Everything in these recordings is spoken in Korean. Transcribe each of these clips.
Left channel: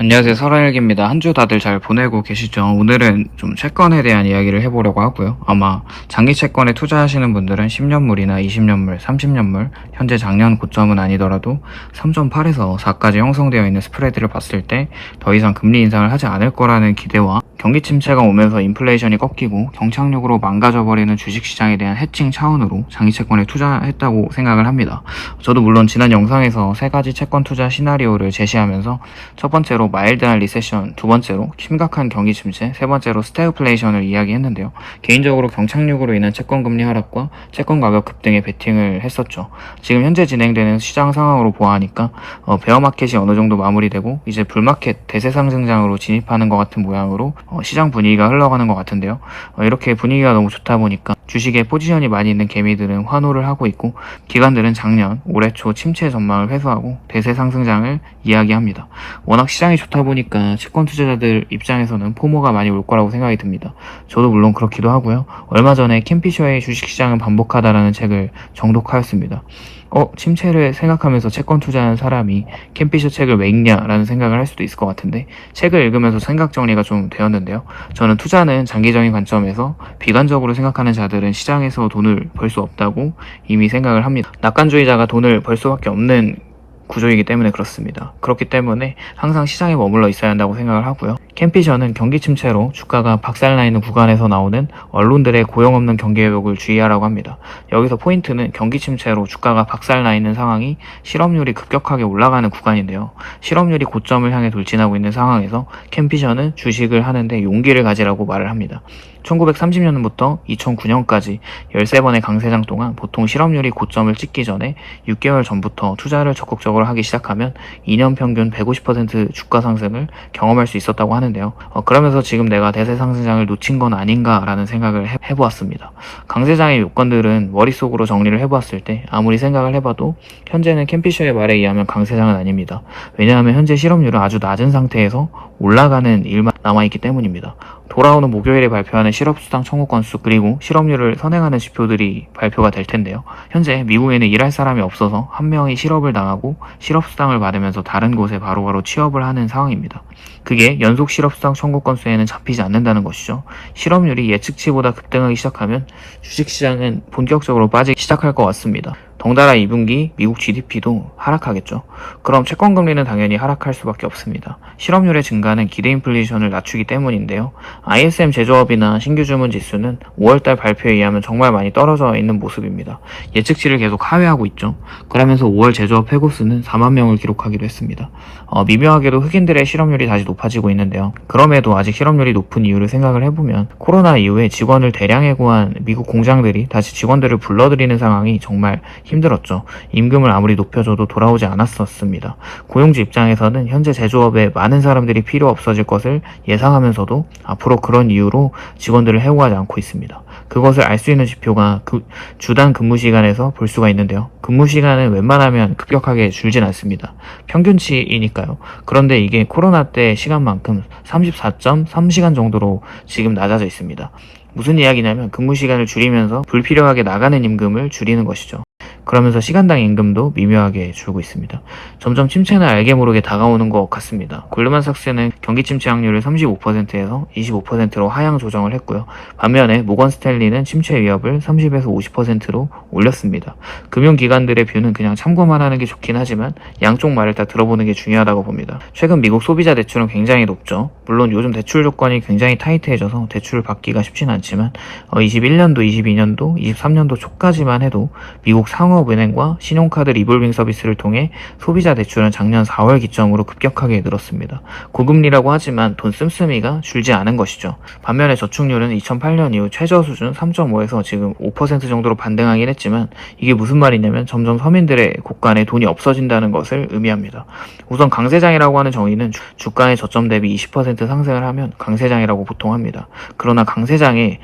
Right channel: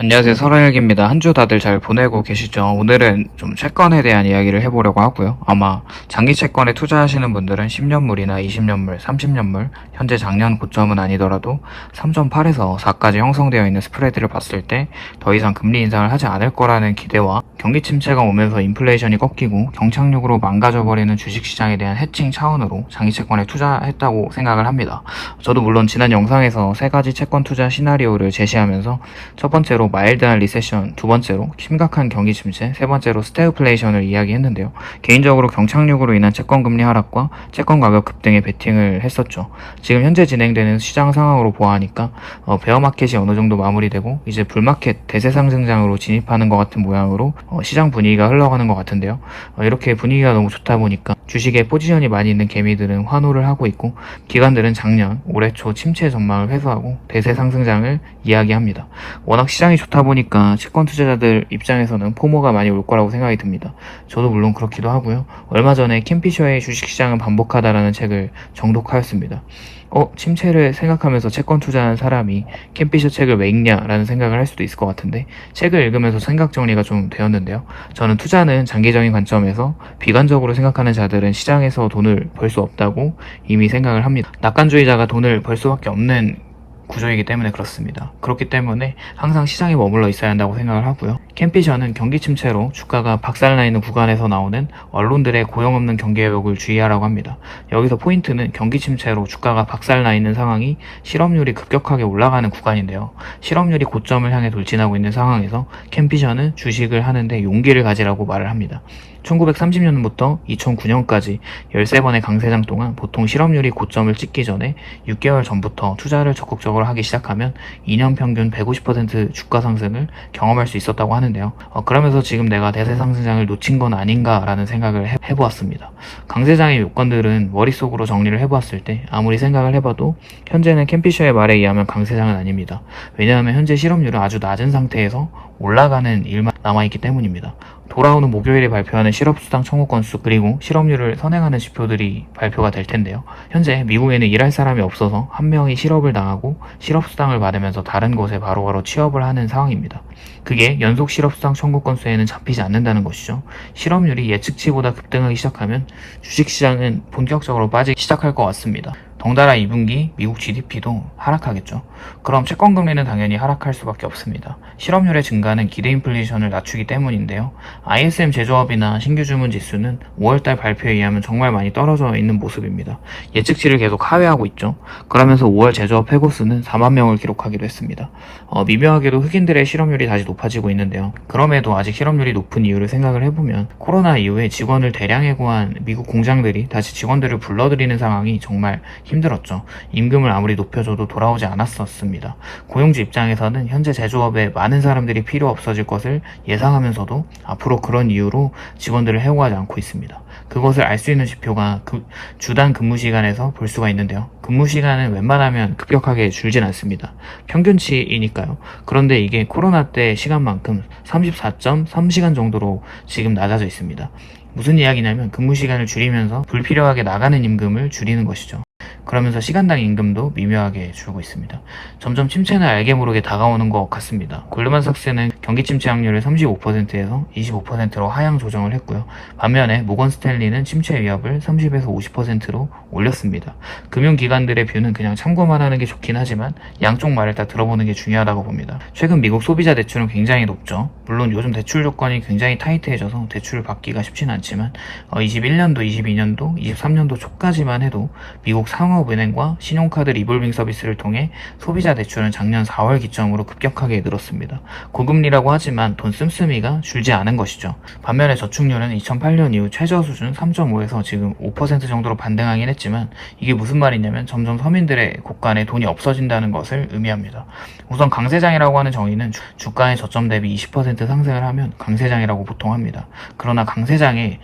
안녕하세요. 설아일기입니다. 한 주 다들 잘 보내고 계시죠? 오늘은 좀 채권에 대한 이야기를 해보려고 하고요. 아마 장기 채권에 투자하시는 분들은 10년물이나 20년물, 30년물, 현재 작년 고점은 아니더라도 3.8에서 4까지 형성되어 있는 스프레드를 봤을 때 더 이상 금리 인상을 하지 않을 거라는 기대와 경기 침체가 오면서 인플레이션이 꺾이고 경착륙으로 망가져버리는 주식시장에 대한 해칭 차원으로 장기 채권에 투자했다고 생각을 합니다. 저도 물론 지난 영상에서 3가지 채권 투자 시나리오를 제시하면서 첫 번째로 마일드한 리세션, 두 번째로 심각한 경기 침체, 세 번째로 스태그플레이션을 이야기했는데요. 개인적으로 경착륙으로 인한 채권 금리 하락과 채권 가격 급등에 베팅을 했었죠. 지금 현재 진행되는 시장 상황으로 보아하니까 베어마켓이 어느 정도 마무리되고 이제 불마켓 대세 상승장으로 진입하는 것 같은 모양으로 시장 분위기가 흘러가는 것 같은데요. 이렇게 분위기가 너무 좋다 보니까 주식에 포지션이 많이 있는 개미들은 환호를 하고 있고 기관들은 작년, 올해 초 침체 전망을 회수하고 대세 상승장을 이야기합니다. 워낙 시장이 좋다 보니까 채권 투자자들 입장에서는 포모가 많이 올 거라고 생각이 듭니다. 저도 물론 그렇기도 하고요. 얼마 전에 켄 피셔의 주식시장은 반복하다라는 책을 정독하였습니다. 침체를 생각하면서 채권 투자한 사람이 켄 피셔 책을 왜 읽냐라는 생각을 할 수도 있을 것 같은데 책을 읽으면서 생각 정리가 좀 되었는데요. 저는 투자는 장기적인 관점에서 비관적으로 생각하는 자들은 시장에서 돈을 벌 수 없다고 이미 생각을 합니다. 낙관주의자가 돈을 벌 수밖에 없는 구조이기 때문에 그렇습니다. 그렇기 때문에 항상 시장에 머물러 있어야 한다고 생각을 하고요. 켄 피셔는 경기 침체로 주가가 박살나 있는 구간에서 나오는 언론들의 고용 없는 경기 회복을 주의하라고 합니다. 여기서 포인트는 경기 침체로 주가가 박살나 있는 상황이 실업률이 급격하게 올라가는 구간인데요. 실업률이 고점을 향해 돌진하고 있는 상황에서 켄 피셔는 주식을 하는데 용기를 가지라고 말을 합니다. 1930년부터 2009년까지 13번의 강세장 동안 보통 실업률이 고점을 찍기 전에 6개월 전부터 투자를 적극적으로 하기 시작하면 2년 평균 150% 주가 상승을 경험할 수 있었다고 하는데요. 그러면서 지금 내가 대세 상승장을 놓친 건 아닌가라는 생각을 해보았습니다. 강세장의 요건들은 머릿속으로 정리를 해보았을 때 아무리 생각을 해봐도 현재는 켄 피셔의 말에 의하면 강세장은 아닙니다. 왜냐하면 현재 실업률은 아주 낮은 상태에서 올라가는 일만 남아있기 때문입니다. 돌아오는 목요일에 발표하는 실업수당 청구 건수 그리고 실업률을 선행하는 지표들이 발표가 될 텐데요. 현재 미국에는 일할 사람이 없어서 한 명이 실업을 당하고 실업수당을 받으면서 다른 곳에 바로바로 취업을 하는 상황입니다. 그게 연속 실업수당 청구 건수에는 잡히지 않는다는 것이죠. 실업률이 예측치보다 급등하기 시작하면 주식시장은 본격적으로 빠지기 시작할 것 같습니다. 덩달아 2분기 미국 GDP도 하락하겠죠. 그럼 채권금리는 당연히 하락할 수밖에 없습니다. 실업률의 증가는 기대 인플레이션을 낮추기 때문인데요. ISM 제조업이나 신규 주문 지수는 5월달 발표에 의하면 정말 많이 떨어져 있는 모습입니다. 예측치를 계속 하회하고 있죠. 그러면서 5월 제조업 해고수는 4만 명을 기록하기도 했습니다. 미묘하게도 흑인들의 실업률이 다시 높아지고 있는데요. 그럼에도 아직 실업률이 높은 이유를 생각을 해보면 코로나 이후에 직원을 대량 해고한 미국 공장들이 다시 직원들을 불러들이는 상황이 정말 힘들었죠. 임금을 아무리 높여줘도 돌아오지 않았었습니다. 고용주 입장에서는 현재 제조업에 많은 사람들이 필요 없어질 것을 예상하면서도 앞으로 그런 이유로 직원들을 해고하지 않고 있습니다. 그것을 알 수 있는 지표가 주당 근무 시간에서 볼 수가 있는데요. 근무 시간은 웬만하면 급격하게 줄진 않습니다. 평균치이니까요. 그런데 이게 코로나 때 시간만큼 34.3시간 정도로 지금 낮아져 있습니다. 무슨 이야기냐면 근무 시간을 줄이면서 불필요하게 나가는 임금을 줄이는 것이죠. 그러면서 시간당 임금도 미묘하게 줄고 있습니다. 점점 침체는 알게 모르게 다가오는 것 같습니다. 골드만삭스는 경기 침체 확률을 35%에서 25%로 하향 조정을 했고요. 반면에 모건 스탠리는 침체 위협을 30에서 50%로 올렸습니다. 금융기관들의 뷰는 그냥 참고만 하는 게 좋긴 하지만 양쪽 말을 다 들어보는 게 중요하다고 봅니다. 최근 미국 소비자 대출은 굉장히 높죠. 물론 요즘 대출 조건이 굉장히 타이트해져서 대출을 받기가 쉽진 않지만 21년도, 22년도, 23년도 초까지만 해도 미국 상업은행과 신용카드 리볼빙 서비스를 통해 소비자 대출은 작년 4월 기점으로 급격하게 늘었습니다. 고금리라고 하지만 돈 씀씀이가 줄지 않은 것이죠. 반면에 저축률은 2008년 이후 최저 수준 3.5에서 지금 5% 정도로 반등하긴 했지만 이게 무슨 말이냐면 점점 서민들의 곳간에 돈이 없어진다는 것을 의미합니다. 우선 강세장이라고 하는 정의는 주가의 저점 대비 20% 상승을 하면 강세장이라고 보통 합니다. 그러나 강세장의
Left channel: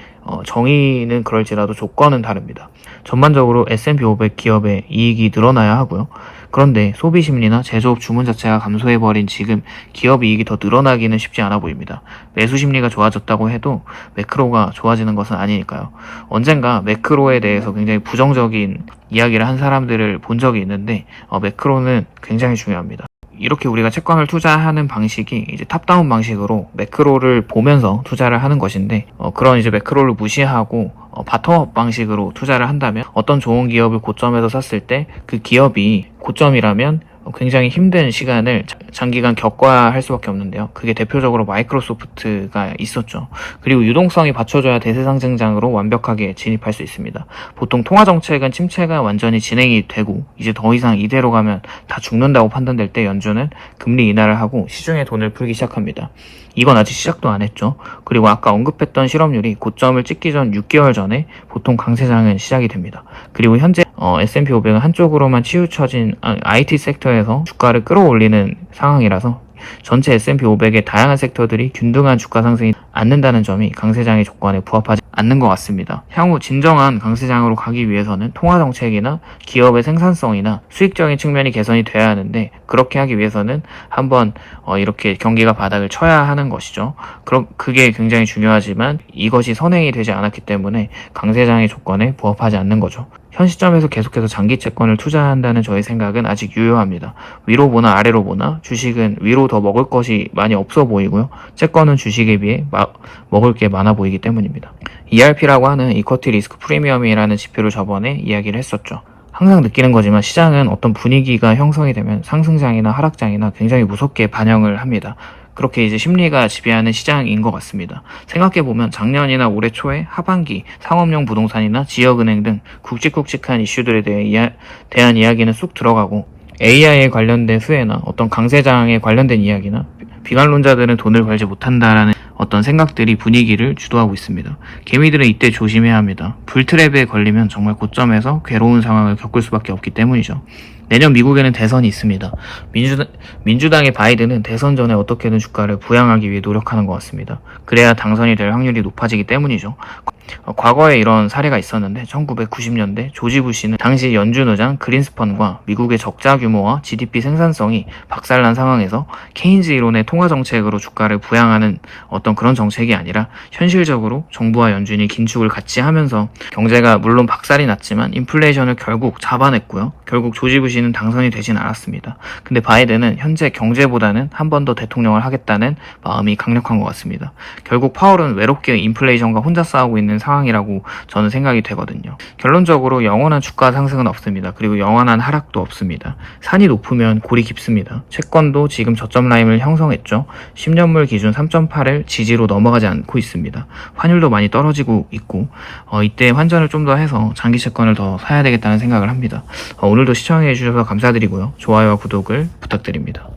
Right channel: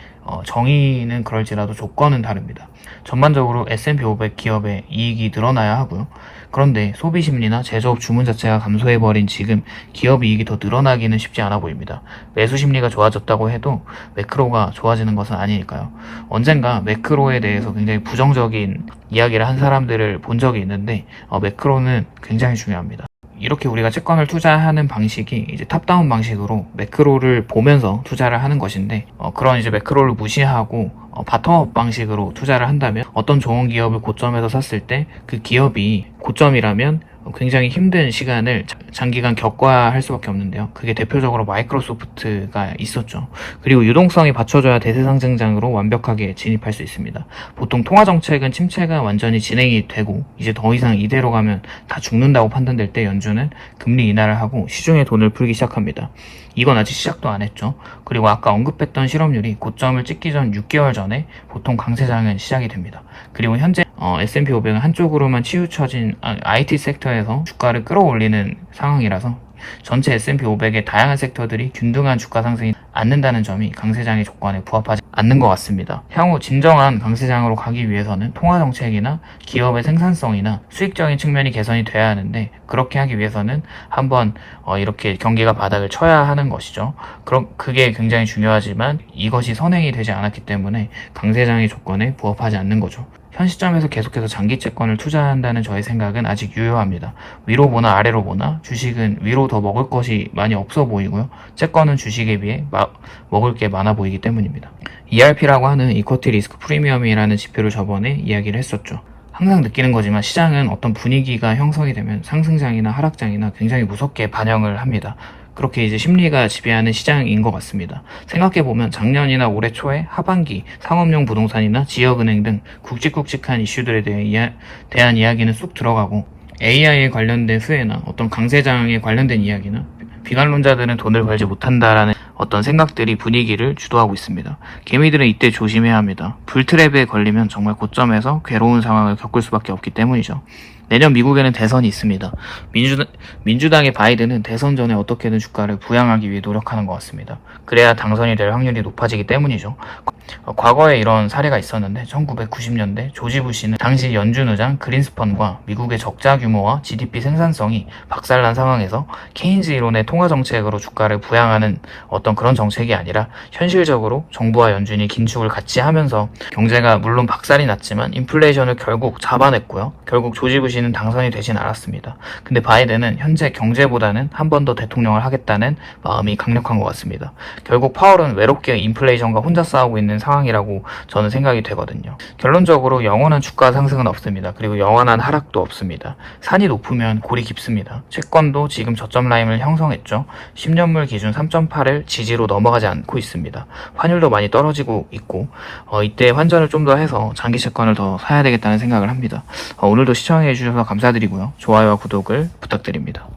정의는 그럴지라도 조건은 다릅니다. 전반적으로 S&P 500 기업의 이익이 늘어나야 하고요. 그런데 소비 심리나 제조업 주문 자체가 감소해버린 지금 기업 이익이 더 늘어나기는 쉽지 않아 보입니다. 매수 심리가 좋아졌다고 해도 매크로가 좋아지는 것은 아니니까요. 언젠가 매크로에 대해서 굉장히 부정적인 이야기를 한 사람들을 본 적이 있는데 매크로는 굉장히 중요합니다. 이렇게 우리가 채권을 투자하는 방식이 이제 탑다운 방식으로 매크로를 보면서 투자를 하는 것인데, 그런 이제 매크로를 무시하고 바텀업 방식으로 투자를 한다면 어떤 좋은 기업을 고점에서 샀을 때 그 기업이 고점이라면 굉장히 힘든 시간을 장기간 겪어야 할 수밖에 없는데요. 그게 대표적으로 마이크로소프트가 있었죠. 그리고 유동성이 받쳐줘야 대세상승장으로 완벽하게 진입할 수 있습니다. 보통 통화정책은 침체가 완전히 진행이 되고 이제 더 이상 이대로 가면 다 죽는다고 판단될 때 연준은 금리 인하를 하고 시중에 돈을 풀기 시작합니다. 이건 아직 시작도 안 했죠. 그리고 아까 언급했던 실업률이 고점을 찍기 전 6개월 전에 보통 강세장은 시작이 됩니다. 그리고 현재 S&P 500은 한쪽으로만 치우쳐진 IT 섹터에서 주가를 끌어올리는 상황이라서 전체 S&P 500의 다양한 섹터들이 균등한 주가 상승이 않는다는 점이 강세장의 조건에 부합하지 않는 것 같습니다. 향후 진정한 강세장으로 가기 위해서는 통화정책이나 기업의 생산성이나 수익적인 측면이 개선이 돼야 하는데, 그렇게 하기 위해서는 한번 이렇게 경기가 바닥을 쳐야 하는 것이죠. 그럼 그게 굉장히 중요하지만 이것이 선행이 되지 않았기 때문에 강세장의 조건에 부합하지 않는 거죠. 현 시점에서 계속해서 장기 채권을 투자한다는 저의 생각은 아직 유효합니다. 위로 보나 아래로 보나 주식은 위로 더 먹을 것이 많이 없어 보이고요. 채권은 주식에 비해 먹을 게 많아 보이기 때문입니다. ERP라고 하는 이쿼티 리스크 프리미엄이라는 지표를 저번에 이야기를 했었죠. 항상 느끼는 거지만 시장은 어떤 분위기가 형성이 되면 상승장이나 하락장이나 굉장히 무섭게 반영을 합니다. 그렇게 이제 심리가 지배하는 시장인 것 같습니다. 생각해보면 작년이나 올해 초에 하반기 상업용 부동산이나 지역은행 등 굵직굵직한 이슈들에 대한 이야기는 쑥 들어가고, AI에 관련된 수혜나 어떤 강세장에 관련된 이야기나 비관론자들은 돈을 벌지 못한다라는 어떤 생각들이 분위기를 주도하고 있습니다. 개미들은 이때 조심해야 합니다. 불트랩에 걸리면 정말 고점에서 괴로운 상황을 겪을 수밖에 없기 때문이죠. 내년 미국에는 대선이 있습니다. 민주당의 바이든은 대선 전에 어떻게든 주가를 부양하기 위해 노력하는 것 같습니다. 그래야 당선이 될 확률이 높아지기 때문이죠. 과거에 이런 사례가 있었는데 1990년대 조지 부시는 당시 연준 의장 그린스펀과 미국의 적자 규모와 GDP 생산성이 박살난 상황에서 케인즈 이론의 통화 정책으로 주가를 부양하는 어떤 그런 정책이 아니라 현실적으로 정부와 연준이 긴축을 같이 하면서 경제가 물론 박살이 났지만 인플레이션을 결국 잡아냈고요. 결국 조지 부시는 당선이 되진 않았습니다. 근데 바이든은 현재 경제보다는 한 번 더 대통령을 하겠다는 마음이 강력한 것 같습니다. 결국 파월은 외롭게 인플레이션과 혼자 싸우고 있는 상황이라고 저는 생각이 되거든요. 결론적으로 영원한 주가 상승은 없습니다. 그리고 영원한 하락도 없습니다. 산이 높으면 골이 깊습니다. 채권도 지금 저점 라인을 형성했죠. 10년물 기준 3.8을 지지로 넘어가지 않고 있습니다. 환율도 많이 떨어지고 있고 이때 환전을 좀 더 해서 장기 채권을 더 사야 되겠다는 생각을 합니다. 오늘도 시청해 주셔서 감사드리고요. 좋아요와 구독을 부탁드립니다.